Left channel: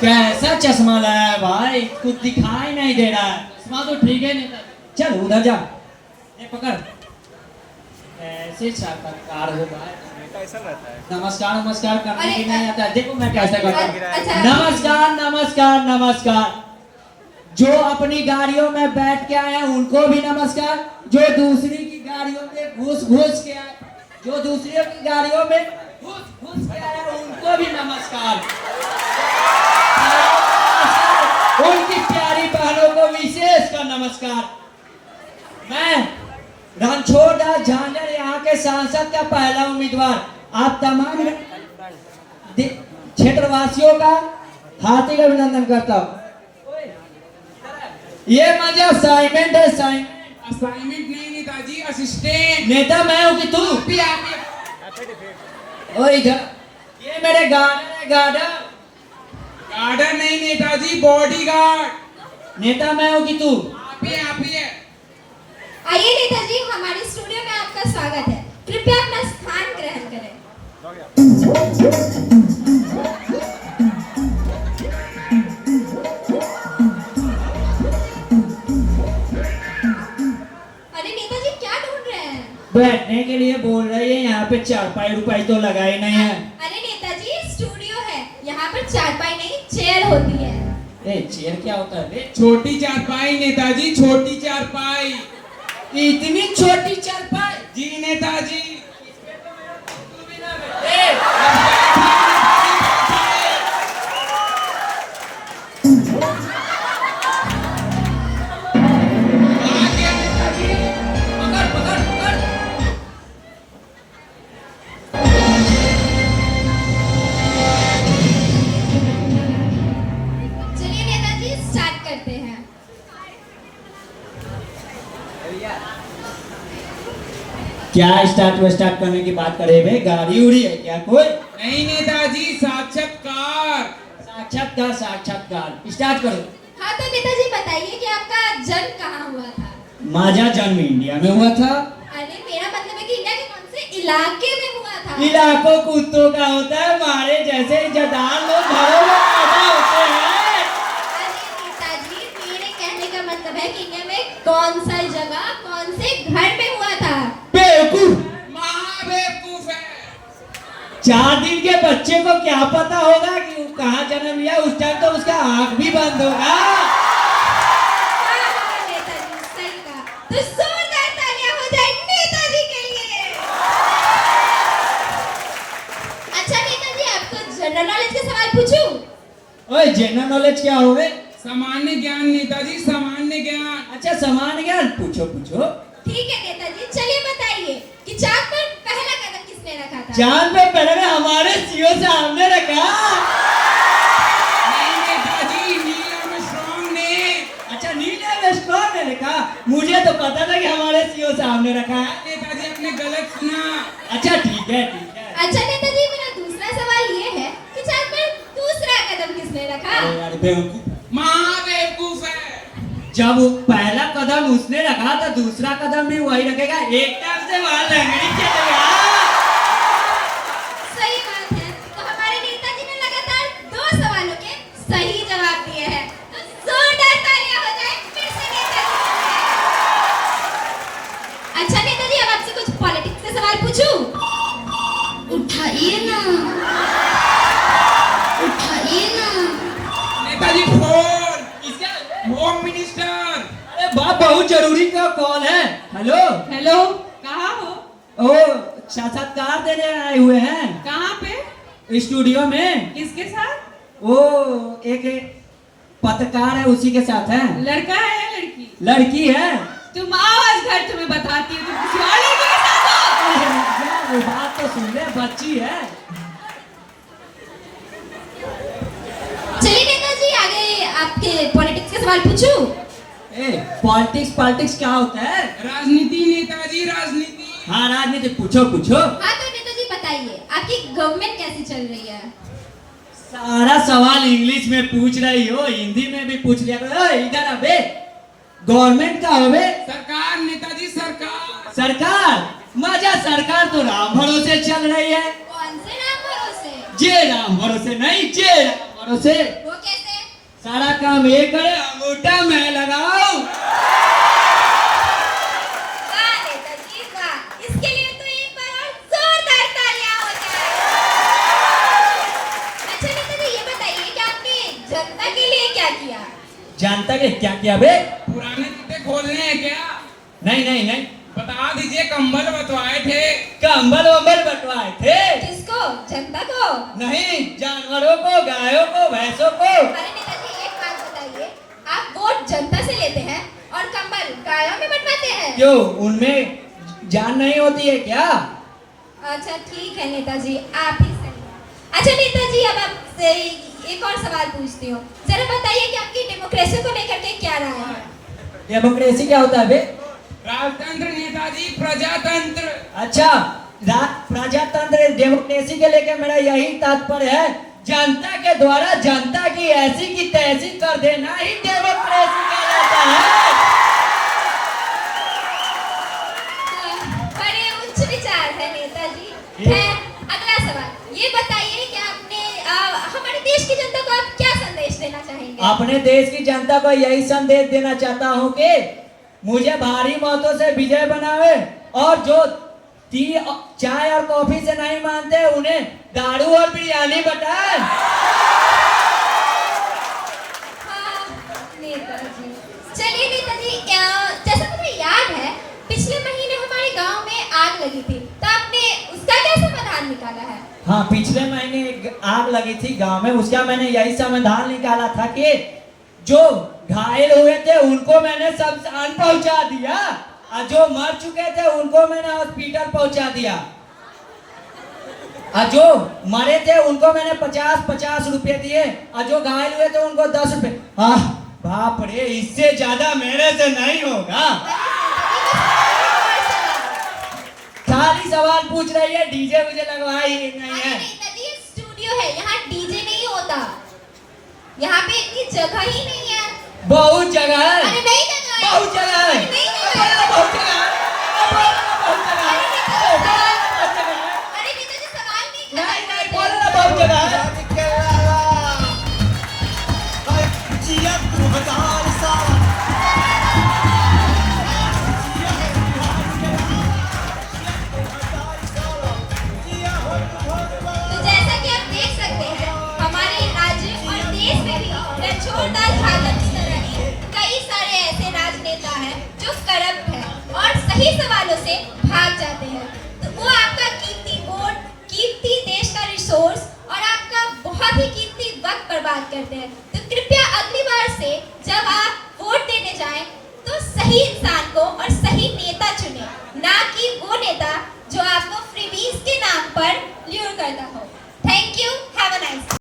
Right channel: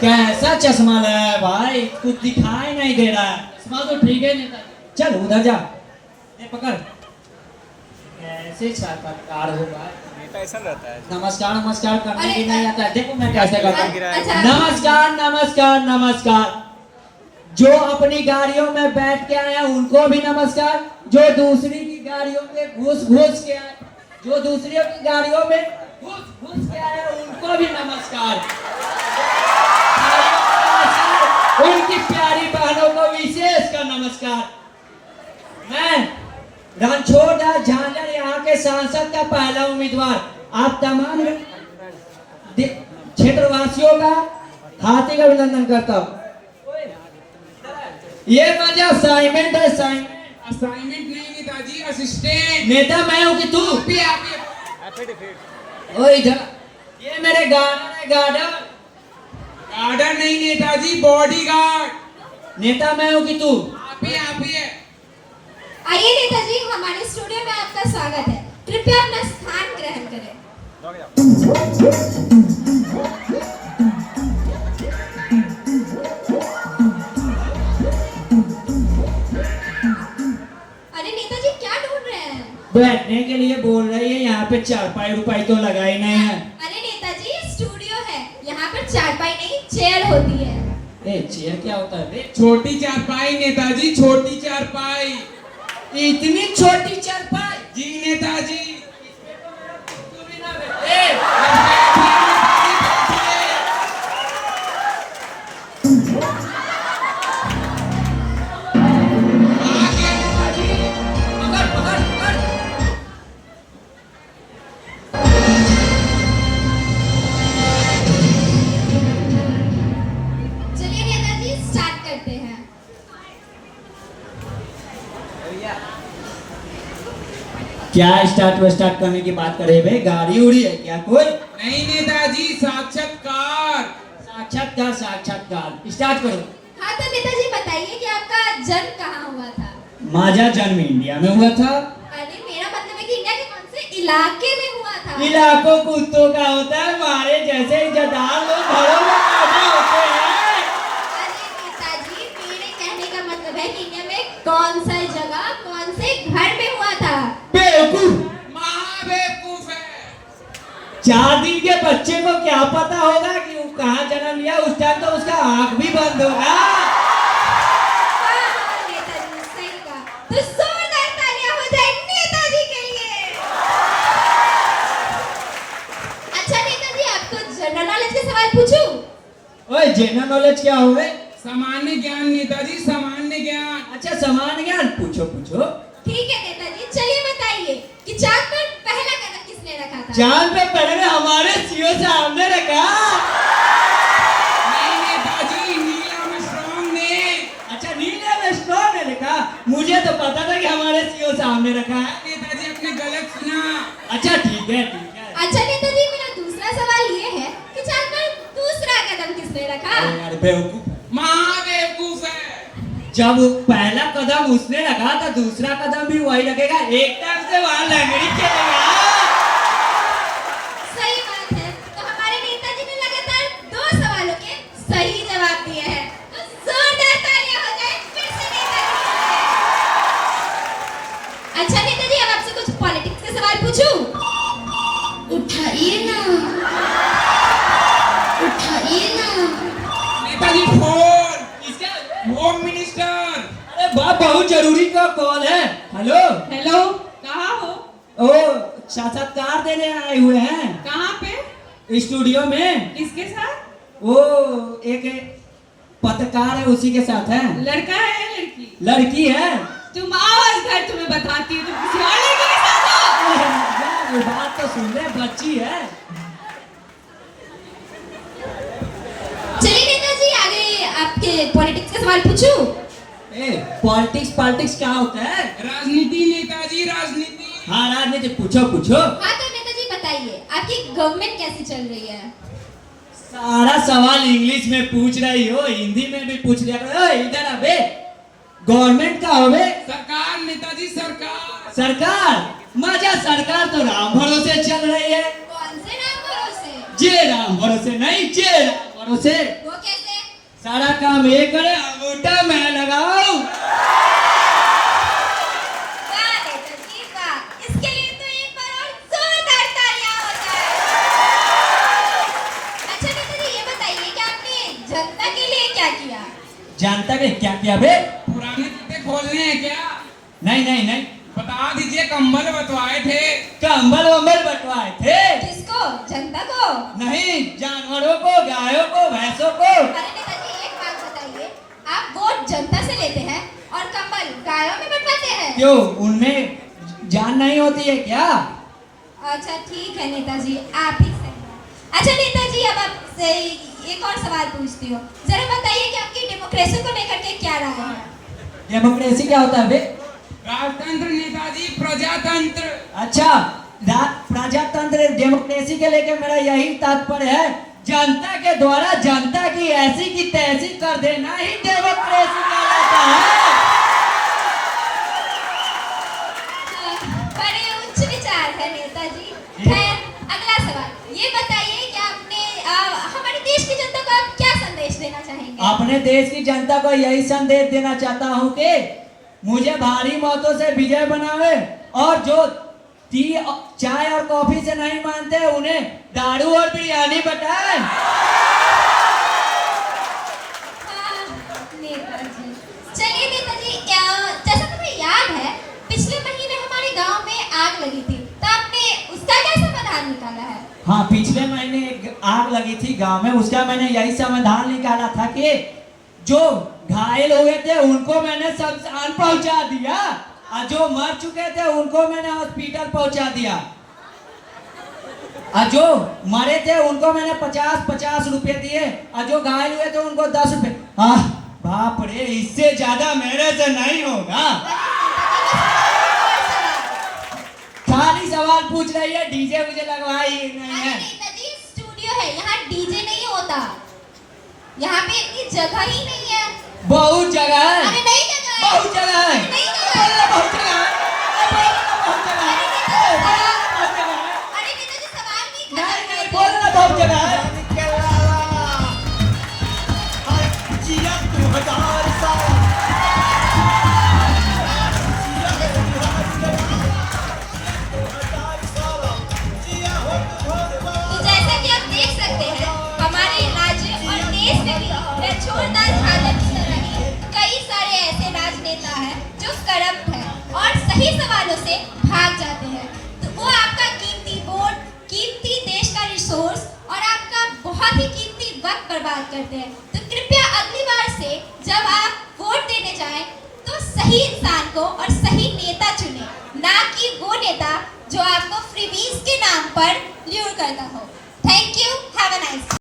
कैसा चश्मा लाया है भाई, कुछ दिखाई नहीं दे रहा है। चश्मा तो ठीक है नेताजी। चल उधर जा, ये पकड़। कैसे साक्षात्कार हो भाई, ऐसा रहता है। नमस्कार नमस्कार करने अरे, की नहीं आता है। देखो मैं कैसे करता हूँ। अच्छा। नमस्कार नमस्कार नमस्कार। जो अपनी गाड़ियों में बैठ के आए हैं उनको भी नमस्कार। जो दूसरी की गाड़ियों में घुस घुस के आए, जो दूसरियों की गाड़ियों में घुस घुस के आए हैं उनको भी नमस्कार। उनकी प्यारी बहनों को विशेष का नमस्कार। मैं रणछोड़दास झांझर यहाँ के सांसद का पहला उम्मीदवार आप तमाम क्षेत्रवासियों का हार्दिक अभिनंदन करता हूँ। ये मजा असाइनमेंट है, असाइनमेंट नहीं नेताजी, असिस्टेंट। नेता मैं हूँ कि तू? आप ओ इधर, ये मेरे गार्डन है, गार्डन। गार्डन नहीं नेताजी, बॉडीगार्ड। नेता मैं हूँ कि तू? आप ही है। आइए नेताजी, हमारे स्टूडियो में आपका स्वागत है। कृपया अपना स्थान ग्रहण करें। अरे नेताजी क्या ढूंढ रहे हैं? बैठने के लिए बोल रही है, यहाँ पे चारपाई रुपाई तो लगाई नहीं है। अरे नेताजी स्टूडियो है, यहाँ पर चारपाई नहीं चेयर होती है। ए चेयर क्या होता है बे? छोटी चारपाई नेताजी, छोटी चारपाई। इतनी छोटी चारपाई? जी नेताजी। तू भी ना बैठ। पकड़ पकड़ पकड़। चलिए नेताजी स्टार्ट करते हैं। क्या स्टार्ट करने की बात करे बे? गाड़ी उड़ी है क्या कोई? नहीं नेताजी, साक्षात्कार। साक्षात्कार साक्षात्कार स्टार्ट करो। हाँ तो नेताजी बताइए कि आपका जन्म कहाँ हुआ था? माझा जन्म इंडिया में हुआ था। अरे मेरा मतलब है कि इंडिया के कौन से इलाके में हुआ था? इलाकों कुत्तों का होता है, हमारे जैसे इज्जतदार लोग घरों में पैदा होते हैं। अरे नेताजी मेरे कहने का मतलब है कि इंडिया में कौन सा जगह कौन से घर में हुआ था? बेवकूफ, महाबेवकूफ है। 4 दिन के बच्चे को क्या पता होगा कि वो कहाँ जन्म लिया? उस टाइम तो उसका आंख भी बंद होगा। हाँ हाँ नेताजी सही कहा। तो जोरदार तालियां हो जाए नेताजी के लिए। अच्छा नेताजी आपको जनरल नॉलेज के सवाल पूछूं? ओए जनरल नॉलेज क्या होवे? सामान्य ज्ञान नेताजी, सामान्य ज्ञान। अच्छा सामान्य ज्ञान पूछो पूछो। ठीक है नेताजी, चलिए बताइए कि चांद पर पहला कदम किसने रखा था? चांद पे पहले हमारे सीओ सामने रखा। नहीं नेताजी, नील आर्मस्ट्रांग ने। अच्छा नील आर्मस्ट्रांग ने लिखा? मुझे तो पता था कि हमारे सीओ सामने रखा है। नेताजी आपने गलत सुना। अच्छा ठीक है ठीक है। अच्छा नेताजी मेरा दूसरा सवाल ये है कि चांद पर दूसरा कदम किसने रखा? अरे यार बेवकूफ, महाबेवकूफ है। जब पहला कदम उसने रखा था दूसरा कदम भी वही रखेगा। एक टाइम से वहां लंगड़ी चलेगा। सही बात है। तो हमारे नेताजी ने लगातार 2 सवालों के सही जवाब दिए हैं। तो जोरदार तालियां हो जाए फिर से नेताजी के लिए। अच्छा नेताजी अब आपसे कुछ पॉलिटिक्स के सवाल पूछूं? उठाइए ना, उठाइए ना। नेताजी फोन। किसका? Home minister. अरे बाप बहुत जरूरी का कॉल है। हेलो हेलो, कहाँ हो? ओ साक्षात्कार देने आए हुए हैं कहाँ पे? स्टूडियो में। किसके साथ? वो एक पत्रकार है उसी के साथ है। लड़का है या लड़की? लड़की है। तुम आओ आज घर, तुम्हें बताती हूँ तुम किसी और लड़की के साथ हो। अरे यार, वो बात तो सुन ले, बच्ची है। चलिए नेताजी आगे आपके पॉलिटिक्स के सवाल पूछूं? ए पॉलिटिक्स क्या होता है? राजनीति नेताजी, राजनीति। हाँ राजनीति पूछो पूछो। हाँ तो नेताजी बताइए आपकी गवर्नमेंट कैसी चल रही है? सारा सवाल इंग्लिश में पूछ रही हो, हिंदी में भी पूछ लिया करो। ओए, इधर अबे गवर्नमेंट का होवे? सरकार नेताजी, सरकार। सरकार? मजा सरकार तो राम भरोसे चल रही है। कौन से नाम भरोसे? जे राम भरोसे नहीं, जे राम हाथों से। वो कैसे? सारा काम ये करे, अंगूठा मैं लगाऊं। वाह नेताजी वाह, इसके लिए तो एक बार और जोरदार तालियां हो जाए। अच्छा नेताजी ये बताइए कि आपने जनता के लिए क्या किया? जानता के क्या किया बे? पुराने जूते खोलने हैं क्या? नहीं नहीं नहीं, बता दीजिए, कंबल बंटवाए थे। कंबल वंबल बंटवाए थे? किसको? जनता को? नहीं, जानवरों को, गायों को, भैंसों को। अरे नेताजी एक बात बताइए, आप वोट जनता से लेते हैं और कंबल गायों में बंटवाते हैं? क्यों, उनमें जान नहीं होती है क्या? अच्छा ठीक है नेताजी, आप ही सही हैं। अच्छा नेताजी अब आपसे एक और सवाल पूछती हूँ, जरा बताइए कि आपकी डेमोक्रेसी को लेकर के क्या राय है? डेमोक्रेसी क्या होता है बे? राजतंत्र नेताजी, प्रजातंत्र। अच्छा, प्रजातंत्र डेमोक्रेसी के लेके मेरा यही तात्पर्य है, जनता के द्वारा जनता की ऐसी की तैसी कर देना ही डेमोक्रेसी कहलाता है। बड़े उच्च विचार है नेताजी। खैर अगला सवाल ये बताइए कि आपने हमारे देश की जनता को आप क्या संदेश देना चाहेंगे? अपने देश की जनता को यही संदेश देना चाहता हूँ कि मुझे भारी मतों से विजय बनावे, और जो टी चाय और कॉफी से नहीं मानते उन्हें दारू और बिरयानी बताए। हाँ, नेताजी। चलिए नेताजी, जैसा मुझे याद है पिछले महीने हमारे गांव में आग लगी थी, तो आपने उसका क्या समाधान निकाला है? हाँ, पिछले महीने एक आग लगी थी गांव में, उसका मैंने यही समाधान निकाला था कि जो घायल हुए थे उनको मैंने शमशान पहुंचा दिया, और जो मर चुके थे उनको मैंने हॉस्पिटल पहुंचा दिया, और जो मरे थे उनको मैंने 50-50 रुपए दिए, और जो घायल हुए थे उनको 10 रुपए। बाप रे, इससे ज्यादा मेरे से नहीं होगा। खाली सवाल पूछ रही है, डीजे मुझे लगवाई नहीं अरे है। नेताजी स्टूडियो है, यहाँ डीजे नहीं होता, यहाँ पे इतनी जगह ही नहीं है। बहुत जगह है, अरे नहीं जगह है। बहुत जगह है, अरे नहीं जगह है। बहुत जगह है, बहुत जगह है, बहुत जगह है। अरे नेताजी सवाल नहीं नहीं कर नहीं, रहे बोल थे। ना, बहुत जगह है। तो जैसा कि आप देख सकते हैं हमारे राज्य और देश में भी रजोरदार हालत चल रही है। कई सारे ऐसे राजनेता हैं जो करप्ट हैं और सही सवालों से भाग जाते हैं, तो वो आपका कीमती वोट, कीमती देश का रिसोर्स और आपका बहुत ही कीमती वक्त बर्बाद करते हैं। तो कृपया अगली बार से जब आप वोट देने जाएं तो सही इंसान को और सही नेता चुनें, ना कि वो नेता जो आपको फ्रीबीज के नाम पर ल्यूर करता हो।